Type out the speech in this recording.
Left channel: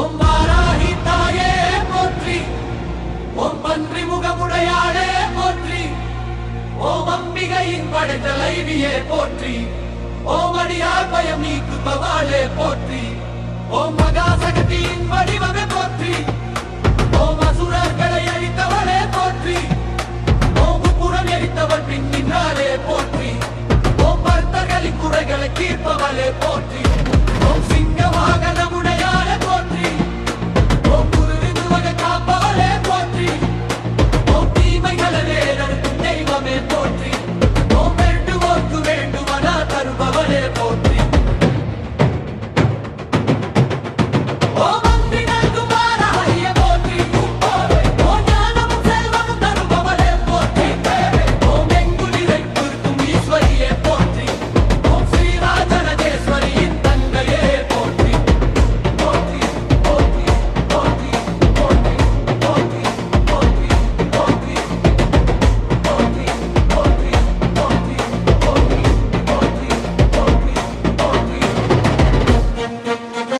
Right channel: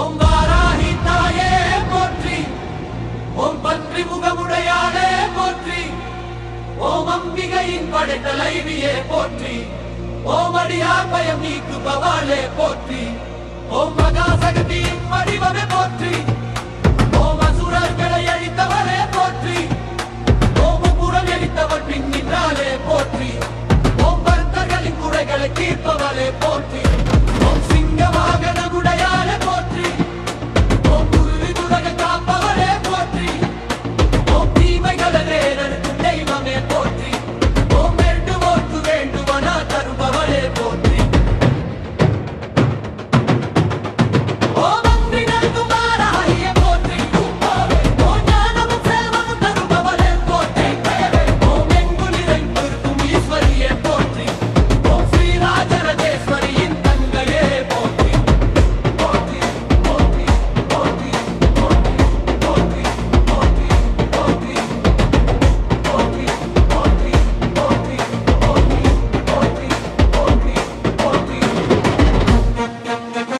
ஓம் வாராகி தாயே போற்றி, ஓம் பன்றி முகமுடையாளே போற்றி, ஓம் அம்பிகையின் படைத்தலைவியே போற்றி, ஓம் அடியார் பயம் நீக்குபவாளே போற்றி, ஓம் மகாசக்தியின் வடிவமே போற்றி, ஓம் அசுரர்களை அழித்தவளே போற்றி, ஓம் புறம் எரித்தவள் பின் நின்றாளே போற்றி, ஓம் பக்தர்களின் குறைகளை தீர்ப்பவளே போற்றி, ஓம் சிங்க வாகனமுடைய